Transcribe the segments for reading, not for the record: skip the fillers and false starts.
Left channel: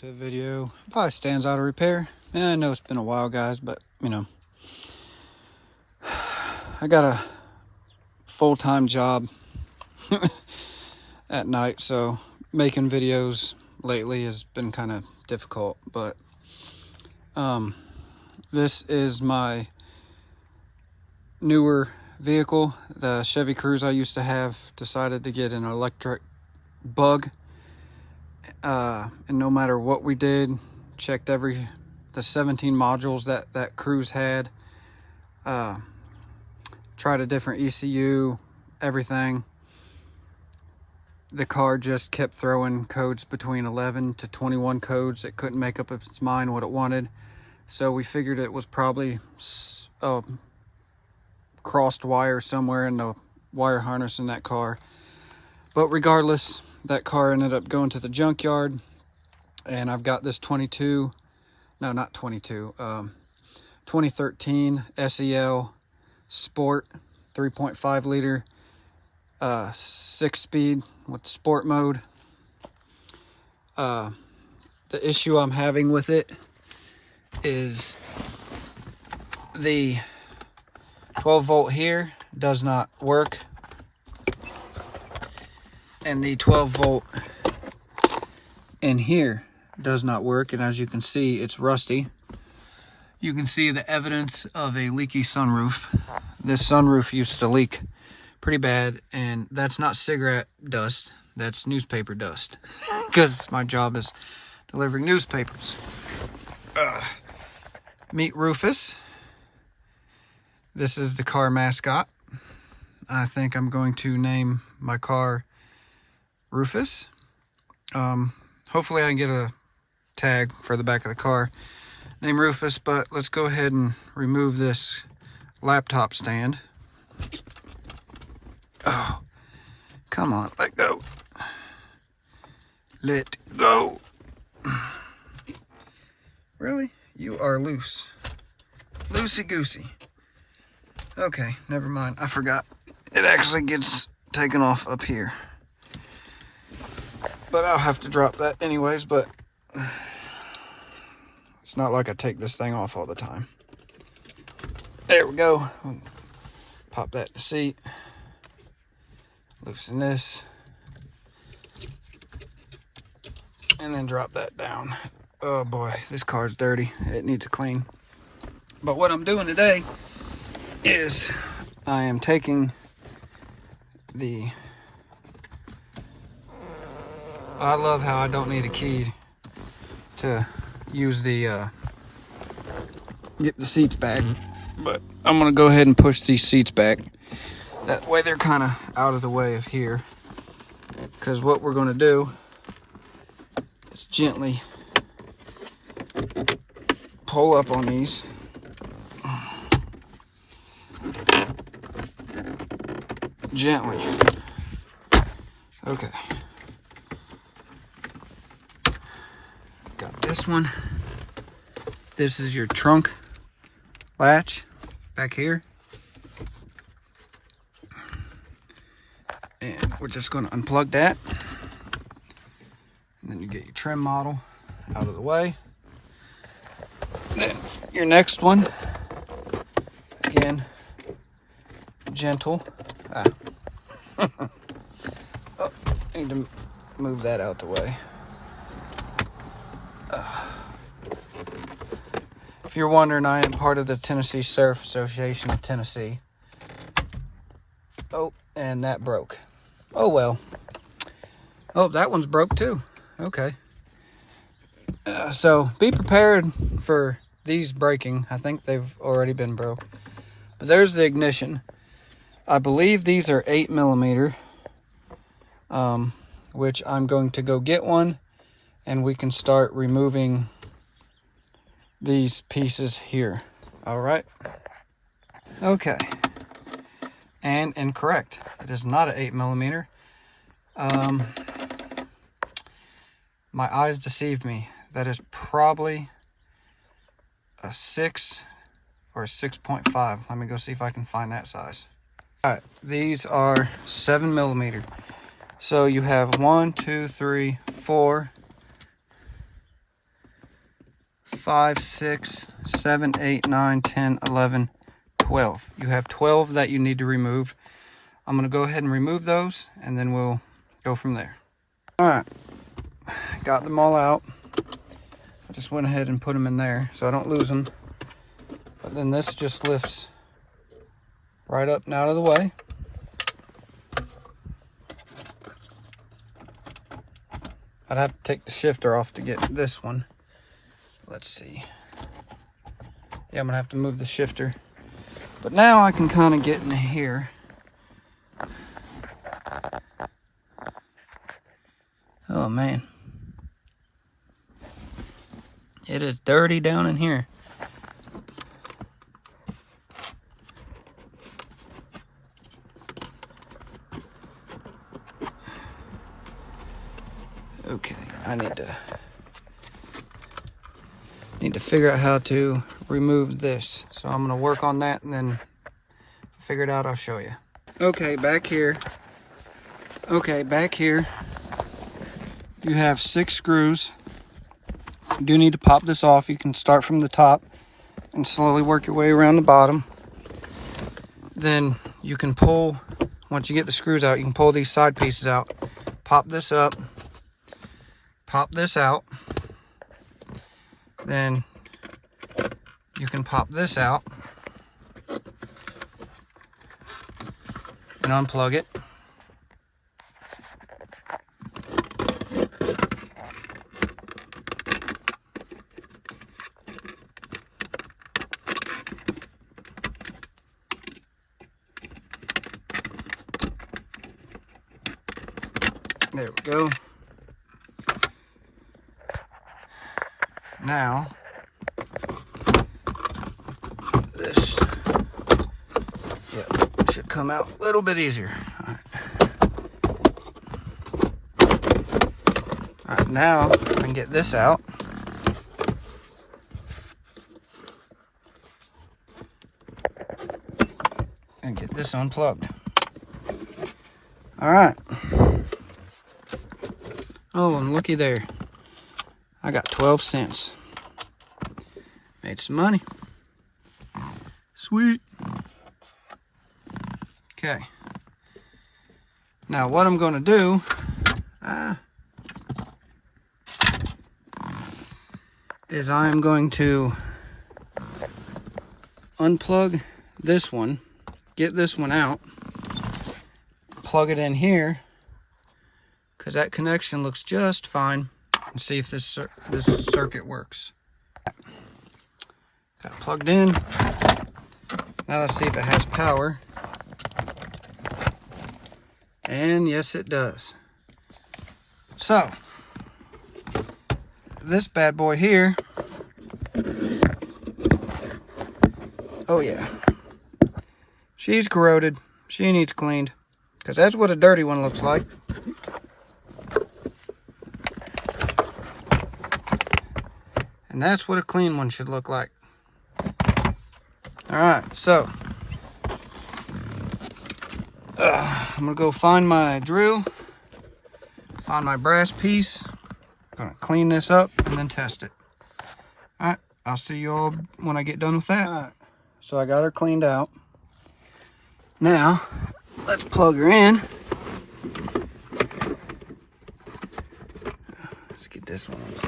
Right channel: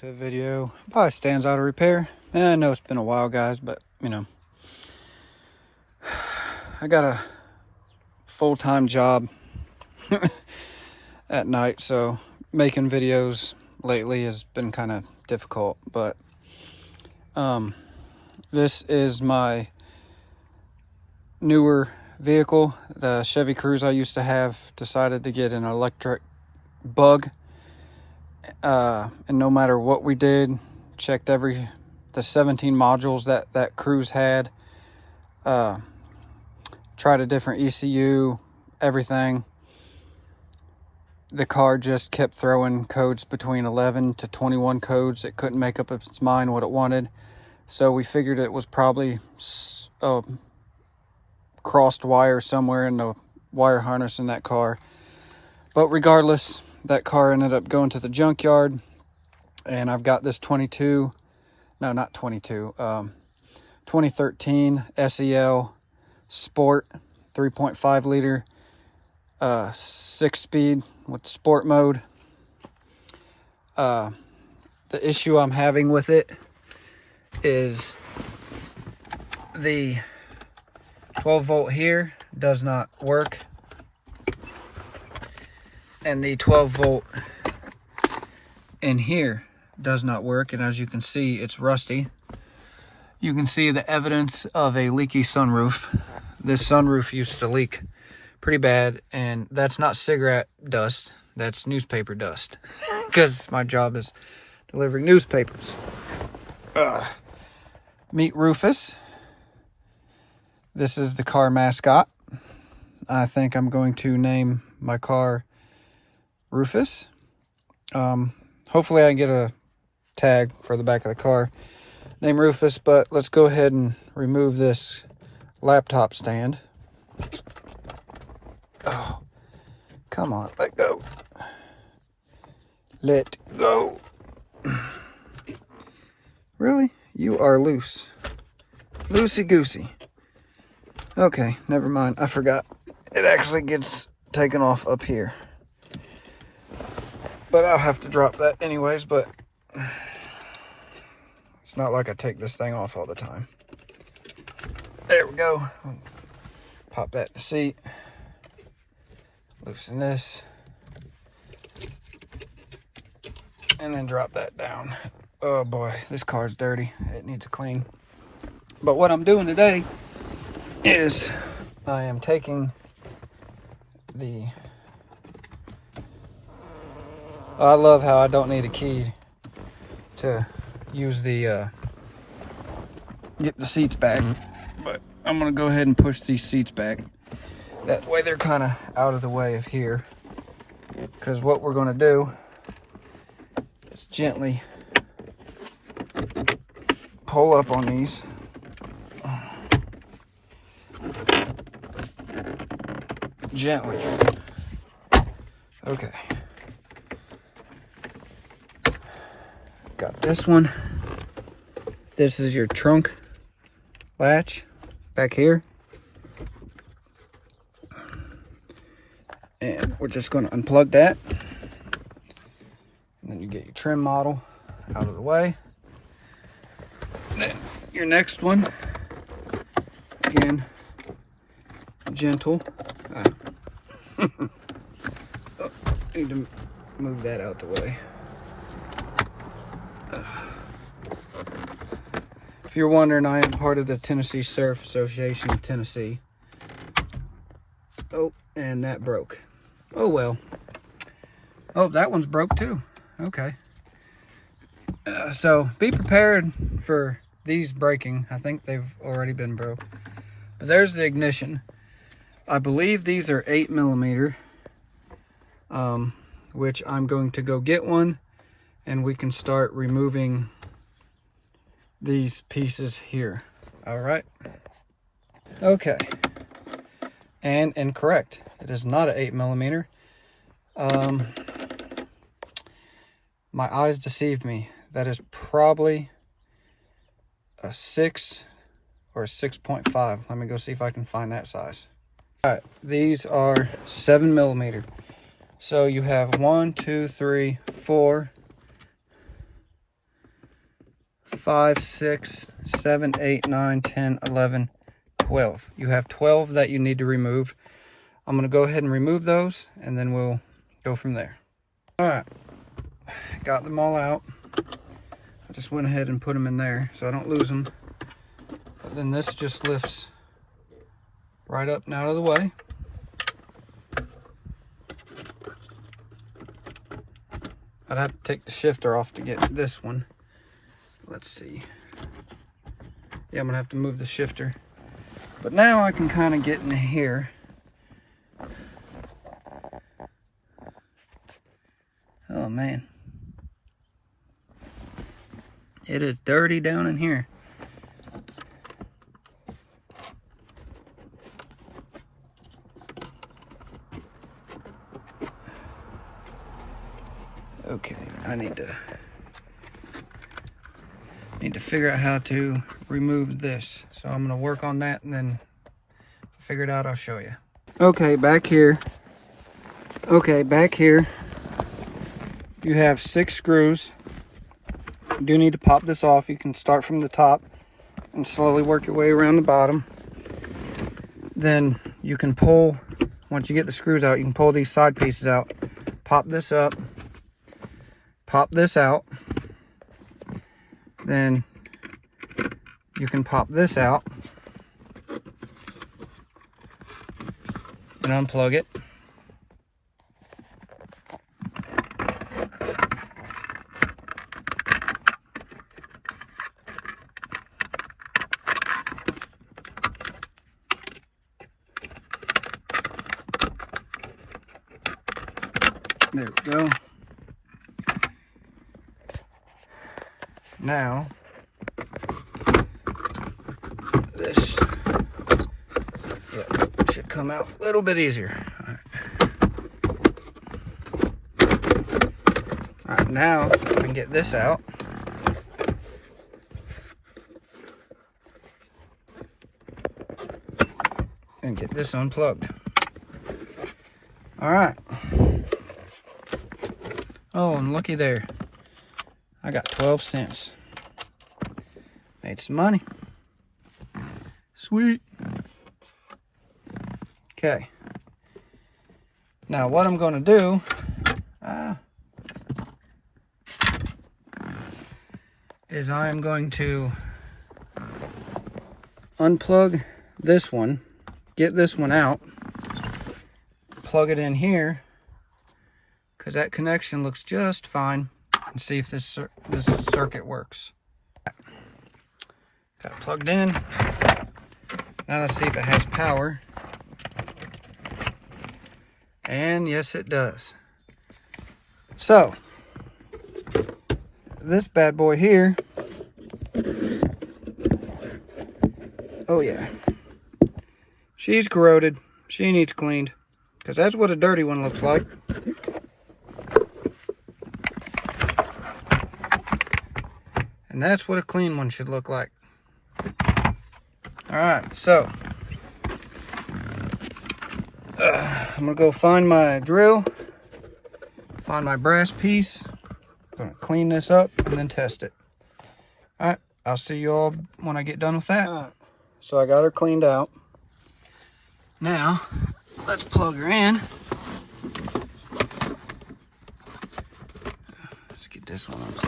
welcome to a video. Probably stands out of repair. And I know it's been a while, guys, but you know, I got a full-time job at night, so making videos lately has been kind of difficult. But this is my newer vehicle. The Chevy Cruze I used to have decided to get an electric bug. And no matter what we did, checked the 17 modules that Cruze had, tried a different ECU, everything. The car just kept throwing codes between 11 to 21 codes. It couldn't make up its mind what it wanted. So we figured it was probably a crossed wire somewhere in the wire harness in that car. But regardless, that car ended up going to the junkyard, and I've got this 2013 SEL Sport 3.5 liter 6-speed with sport mode. The issue I'm having with it is the 12 volt here does not work, and the 12 volt in here does not work. And as you can see, it's rusty. You can see the evidence of a leaky sunroof. This sunroof used to leak pretty bad, and that's not cigarette dust, that's newspaper dust, because my job is delivering newspapers. Meet Rufus. This is the car mascot. I think I'm going to name my car Rufus. Hopefully I can get a tag for the back of the car, name Rufus. But let's go ahead and remove this laptop stand. Oh, come on, let go. Let go. Really? You are loose. Loosey-goosey. Okay, never mind. I forgot. It actually gets taken off up here. But I'll have to drop that anyways, but it's not like I take this thing off all the time. There we go. Pop that in the seat. Loosen this. And then drop that down. Oh boy, this car's dirty. It needs a clean. But what I'm doing today is I am taking the... I love how I don't need a key to use the get the seats back, but I'm gonna go ahead and push these seats back. That way they're kind of out of the way of here, because what we're gonna do is gently pull up on these. Gently. Okay. Got this one. This is your trunk latch back here. And we're just going to unplug that. And then you get your trim model out of the way. Then your next one, again, gentle. Oh, need to move that out the way. If you're wondering, I am part of the Tennessee Surf Association of Tennessee. Oh, and that broke. Oh well. Oh, that one's broke too. Okay. So be prepared for these breaking. I think they've already been broke. But there's the ignition. I believe these are 8mm, which I'm going to go get one, and we can start removing these pieces here. All right. Okay. And incorrect. It is not an 8mm. My eyes deceived me. That is probably a 6 or a 6.5. Let me go see if I can find that size. All right, these are 7mm. So you have 1, 2, 3, 4, 5, 6, 7, 8, 9, 10, 11, 12. You have 12 that you need to remove. I'm going to go ahead and remove those, and then we'll go from there. All right, got them all out. I just went ahead and put them in there so I don't lose them. But then this just lifts right up and out of the way. I'd have to take the shifter off to get this one. Let's see. Yeah, I'm gonna have to move the shifter. But now I can kind of get in here. Oh man. It is dirty down in here. Okay, I need to figure out how to remove this. So I'm gonna work on that, and then figure it out, I'll show you. Okay, back here. Okay, back here you have 6 screws. You do need to pop this off. You can start from the top and slowly work your way around the bottom. Then you can pull, once you get the screws out, you can pull these side pieces out. Pop this up. Pop this out. Then you can pop this out and unplug it. There we go. Now, this should come out a little bit easier. All right, now I can get this out. And get this unplugged. All right. Oh, and looky there. I got 12 cents. Made some money. Sweet. Okay. Now what I'm going to do is I am going to unplug this one, get this one out, plug it in here, because that connection looks just fine, and see if this circuit works. Got it plugged in. Now let's see if it has power. And yes, it does. So this bad boy here, oh yeah, she's corroded. She needs cleaned, because that's what a dirty one looks like. And that's what a clean one should look like. All right, so I'm gonna go find my drill, find my brass piece. I'm gonna clean this up and then test it. All right, I'll see you all when I get done with that. All right, so I got her cleaned out. Now, let's plug her in. Let's get this one on.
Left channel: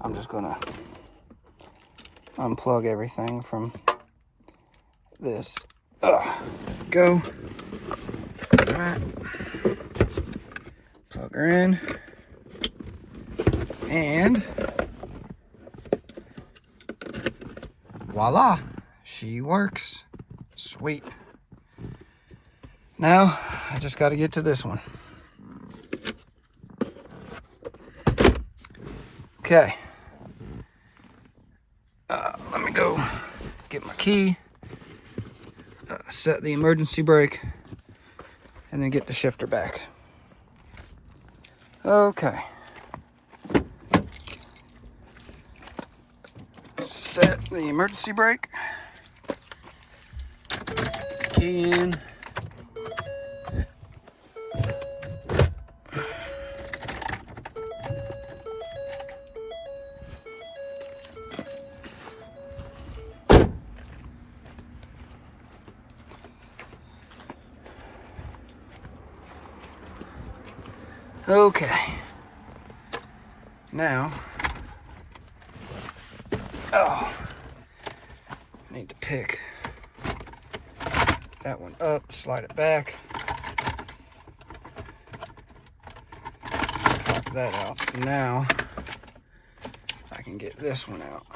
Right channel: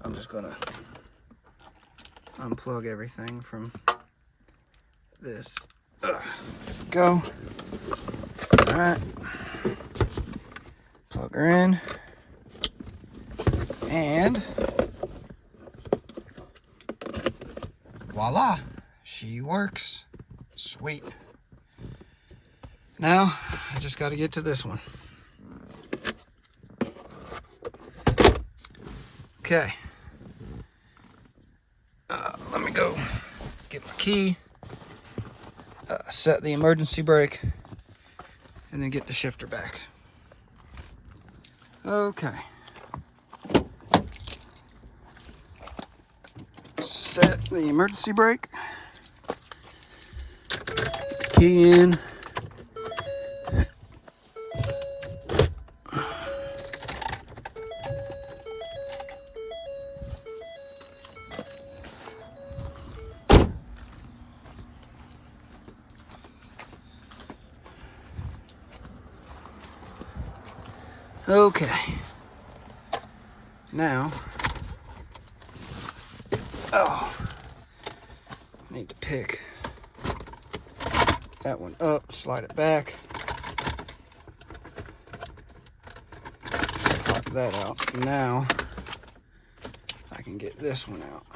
I'm just gonna unplug everything from this. There we go. All right. Plug her in. And voila, she works. Sweet. Now, I just got to get to this one. Okay. Let me go get my key, set the emergency brake, and then get the shifter back. Okay. Set the emergency brake. Key in. Okay. Now, need to pick that one up, slide it back, pop that out. Now, I can get this one out.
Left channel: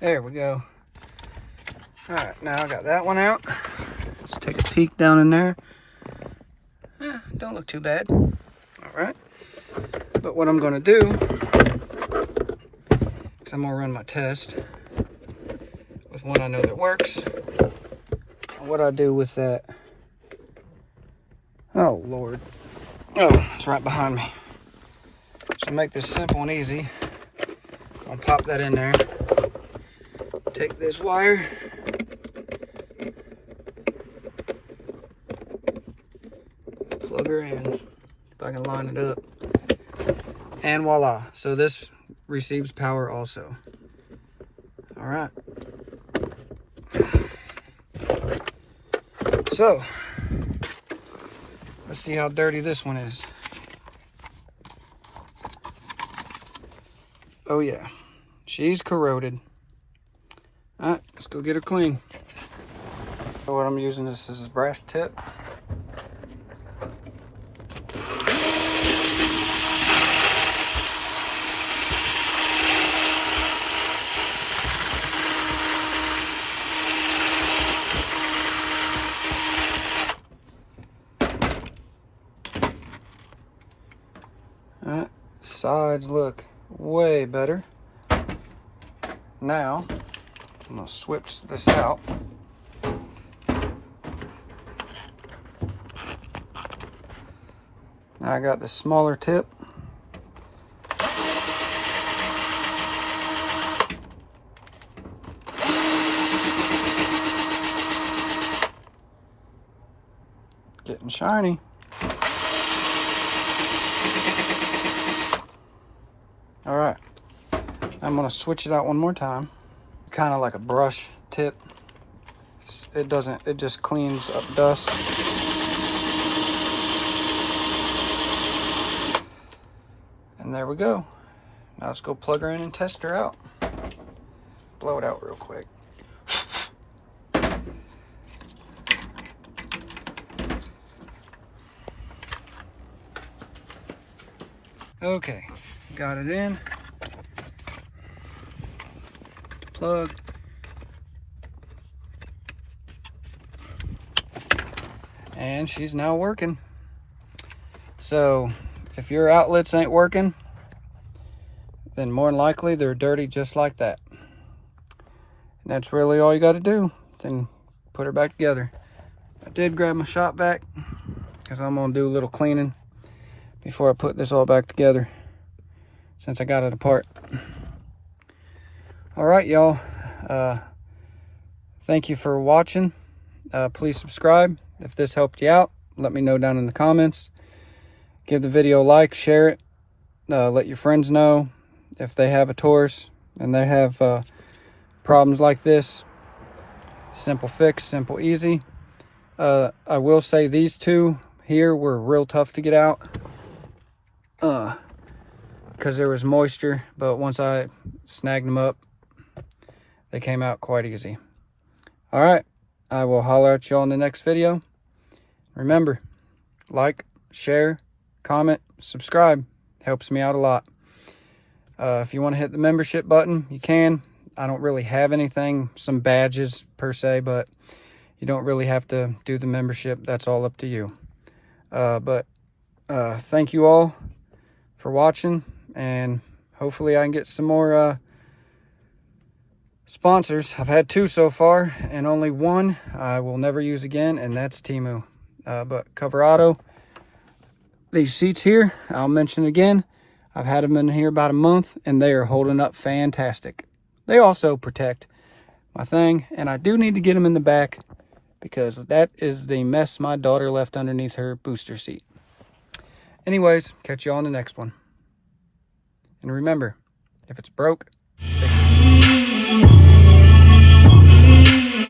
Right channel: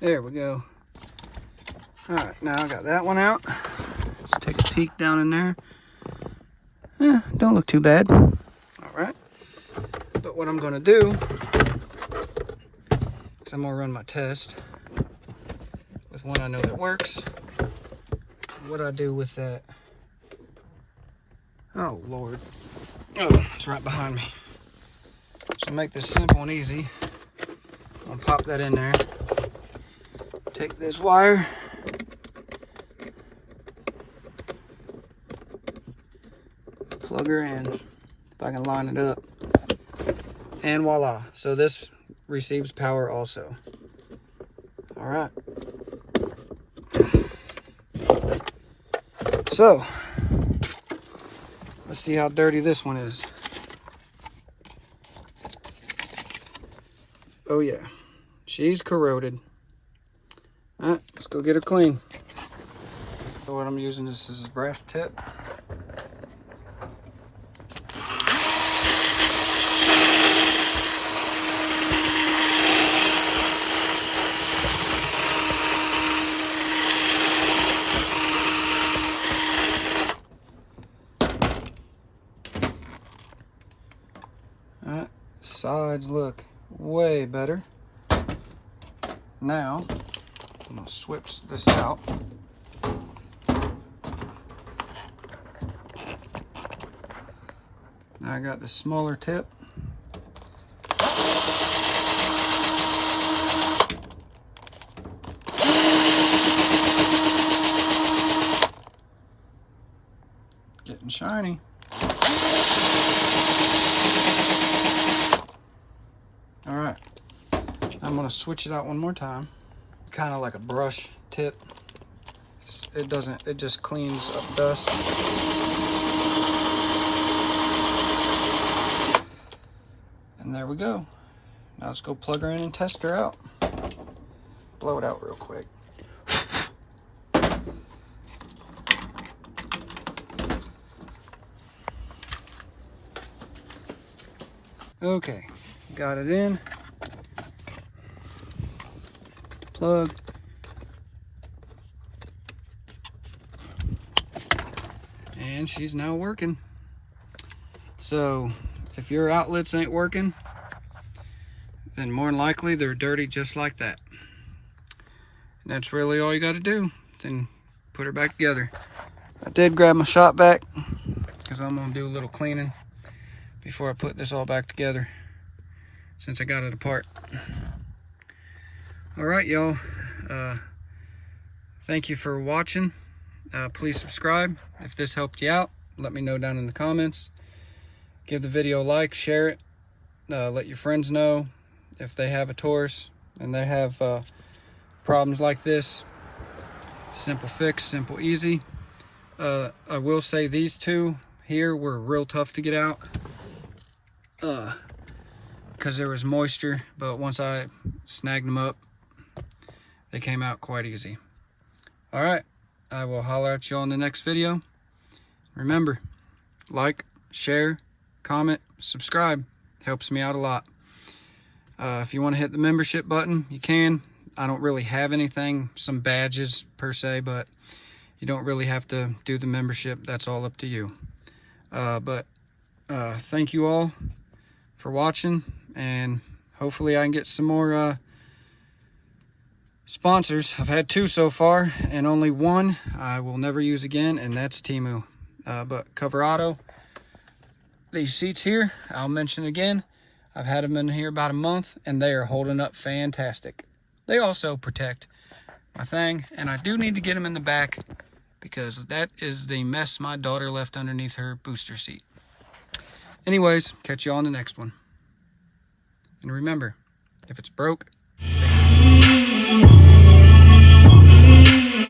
There we go. All right, now I got that one out. Let's take a peek down in there. Yeah, don't look too bad. All right. But what I'm gonna do is I'm gonna run my test with one I know that works. What I do with that. Oh, Lord. Oh, it's right behind me. So make this simple and easy. I'm gonna pop that in there. Take this wire. Plug her in. If I can line it up. And voila. So this receives power also. All right. So, let's see how dirty this one is. Oh yeah, she's corroded. All right, let's go get her clean. So what I'm using this is a brass tip. All right, sides look way better. Now, I'm gonna switch this out. Now I got the smaller tip. Getting shiny. All right, I'm gonna switch it out one more time. Kind of like a brush tip. It just cleans up dust. And there we go. Now let's go plug her in and test her out. Blow it out real quick. Okay, got it in. Plug. And she's now working. So if your outlets ain't working, then more than likely they're dirty just like that. And that's really all you got to do. Then put her back together. I did grab my shop vac because I'm going to do a little cleaning before I put this all back together since I got it apart. All right, y'all. Thank you for watching. Please subscribe. If this helped you out, let me know down in the comments. Give the video a like, share it. Let your friends know if they have a Taurus and they have problems like this. Simple fix, simple, easy. I will say these two here were real tough to get out because there was moisture, but once I snagged them up, they came out quite easy. All right, I will holler at you all in the next video. Remember, like, share, comment, subscribe. Helps me out a lot. If you want to hit the membership button, you can. I don't really have anything, some badges per se, but you don't really have to do the membership. That's all up to you. But thank you all for watching, and hopefully I can get some more sponsors. I've had 2 so far, and only one I will never use again, and that's Temu. But Cover Auto, these seats here, I'll mention again, I've had them in here about a month, and they are holding up fantastic. They also protect my thing, and I do need to get them in the back because that is the mess my daughter left underneath her booster seat. Anyways, catch you all on the next one. And remember, If it's broke, fix it.